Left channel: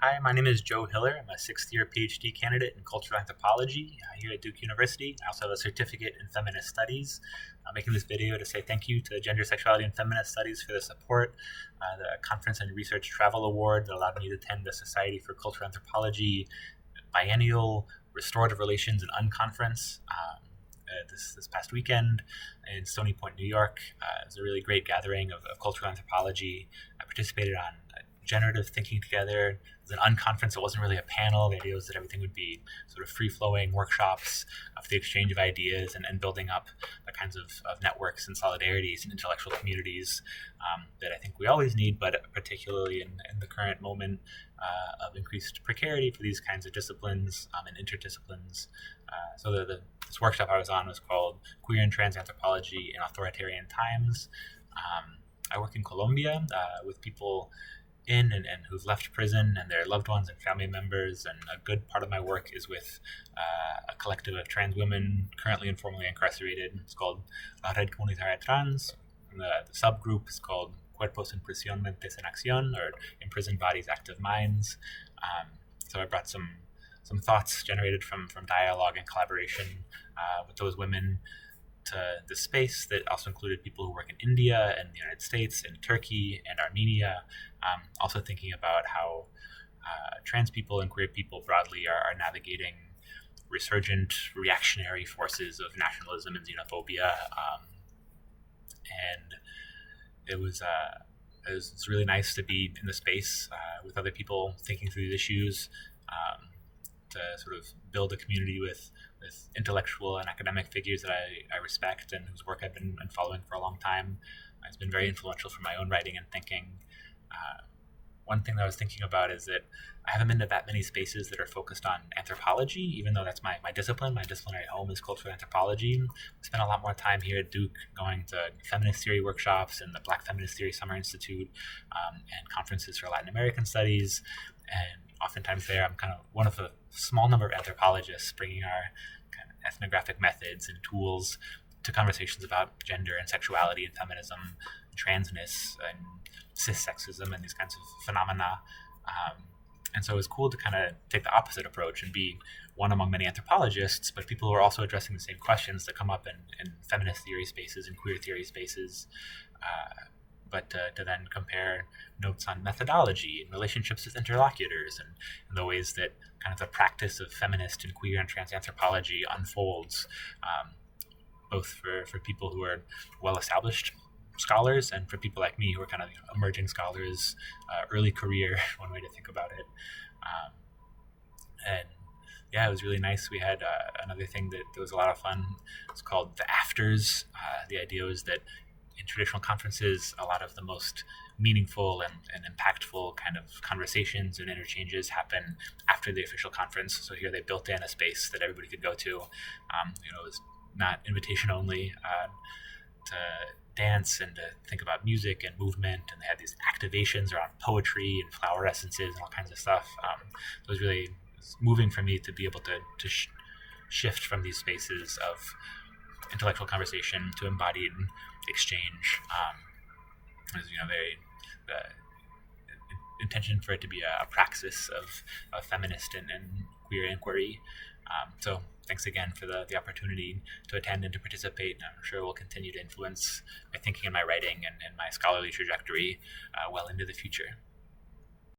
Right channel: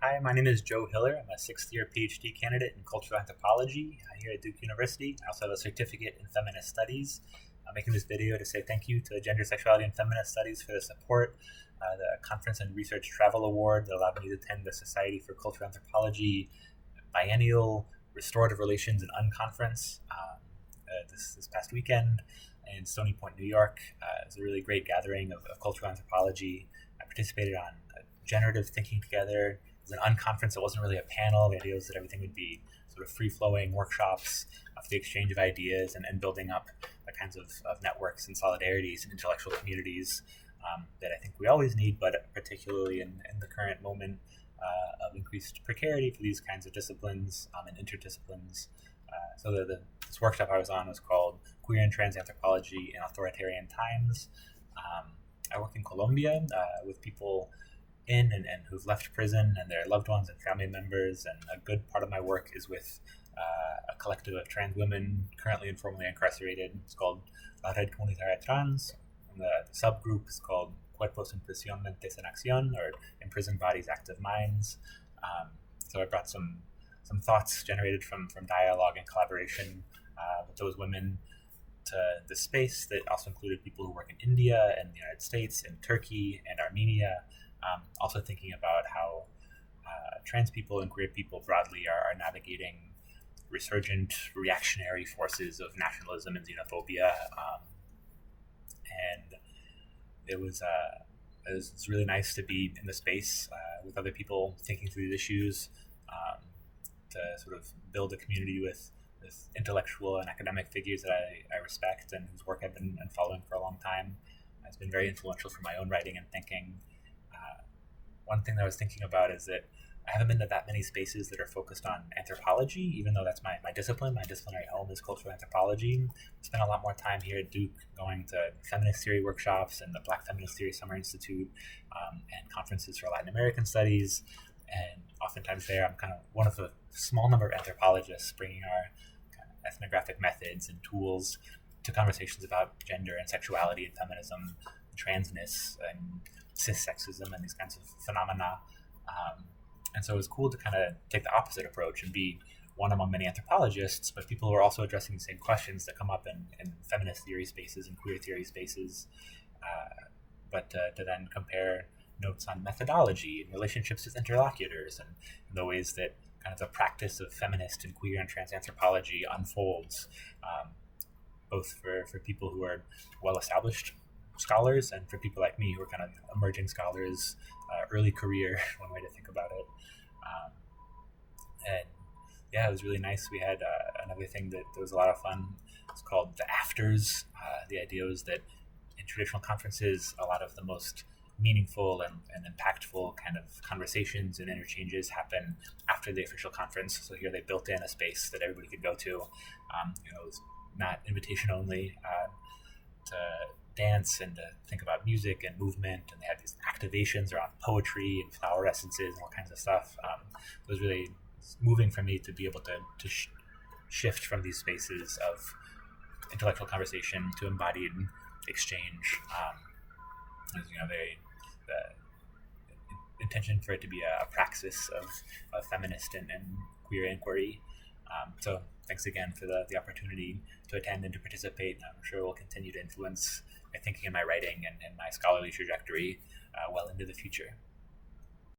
Hi, my name is Joe Hiller. I'm a sixth-year PhD candidate in cultural anthropology here at Duke University. I also have a certificate in feminist studies. I'm making this video to say thank you to Gender, Sexuality, and Feminist Studies for the support, the Conference and Research Travel Award that allowed me to attend the Society for Cultural Anthropology Biennial, Restorative Relations, and Unconference. This past weekend in Stony Point, New York. It was a really great gathering of cultural anthropology. I participated on generative thinking together. It was an unconference. It wasn't really a panel. The idea was that everything would be sort of free-flowing workshops for the exchange of ideas and building up the kinds of networks and solidarities and intellectual communities that I think we always need, but particularly in the current moment of increased precarity for these kinds of disciplines and interdisciplines. This workshop I was on was called Queer and Trans Anthropology in Authoritarian Times. I work in Colombia with people in and who've left prison and their loved ones and family members, and a good part of my work is with a collective of trans women currently informally incarcerated. It's called La Red Comunitaria Trans, and the subgroup is called Cuerpos en Prisión Mentes en Acción, or Imprisoned Bodies, Active Minds. So I brought some thoughts generated from dialogue and collaboration with those women to the space that also included people who work in India and the United States and Turkey and Armenia, also thinking about how trans people and queer people broadly are navigating resurgent reactionary forces of nationalism and xenophobia. And it was really nice to be in the space with other people thinking through these issues, to sort of build a community with intellectual and academic figures that I respect and whose work I've been following for a long time. It's been very influential for my own writing and thinking. One thing that I was thinking about is that I haven't been to that many spaces that are focused on anthropology, even though that's my discipline. My disciplinary home is cultural anthropology. I spent a lot more time here at Duke going to feminist theory workshops and the Black Feminist Theory Summer Institute, and conferences for Latin American studies. And oftentimes there, I'm kind of one of a small number of anthropologists bringing our kind of ethnographic methods and tools to conversations about gender and sexuality and feminism, transness and cissexism and these kinds of phenomena. And so it was cool to kind of take the opposite approach and be one among many anthropologists, but people who are also addressing the same questions that come up in feminist theory spaces and queer theory spaces. But to then compare notes on methodology and relationships with interlocutors and the ways that kind of the practice of feminist and queer and trans anthropology unfolds, both for people who are well-established scholars and for people like me who are kind of emerging scholars, early career, one way to think about it. And yeah, it was really nice. We had another thing that was a lot of fun. It's called the afters. The idea was that in traditional conferences, a lot of the most meaningful and impactful kind of conversations and interchanges happen after the official conference. So here they built in a space that everybody could go to. It was not invitation only, to dance and to think about music and movement. And they had these activations around poetry and flower essences and all kinds of stuff. It was really moving for me to be able to shift from these spaces of intellectual conversation to embodied exchange. There's the intention for it to be a praxis of feminist and queer inquiry. So thanks again for the opportunity to attend and to participate. And I'm sure it will continue to influence my thinking and my writing and my scholarly trajectory well into the future.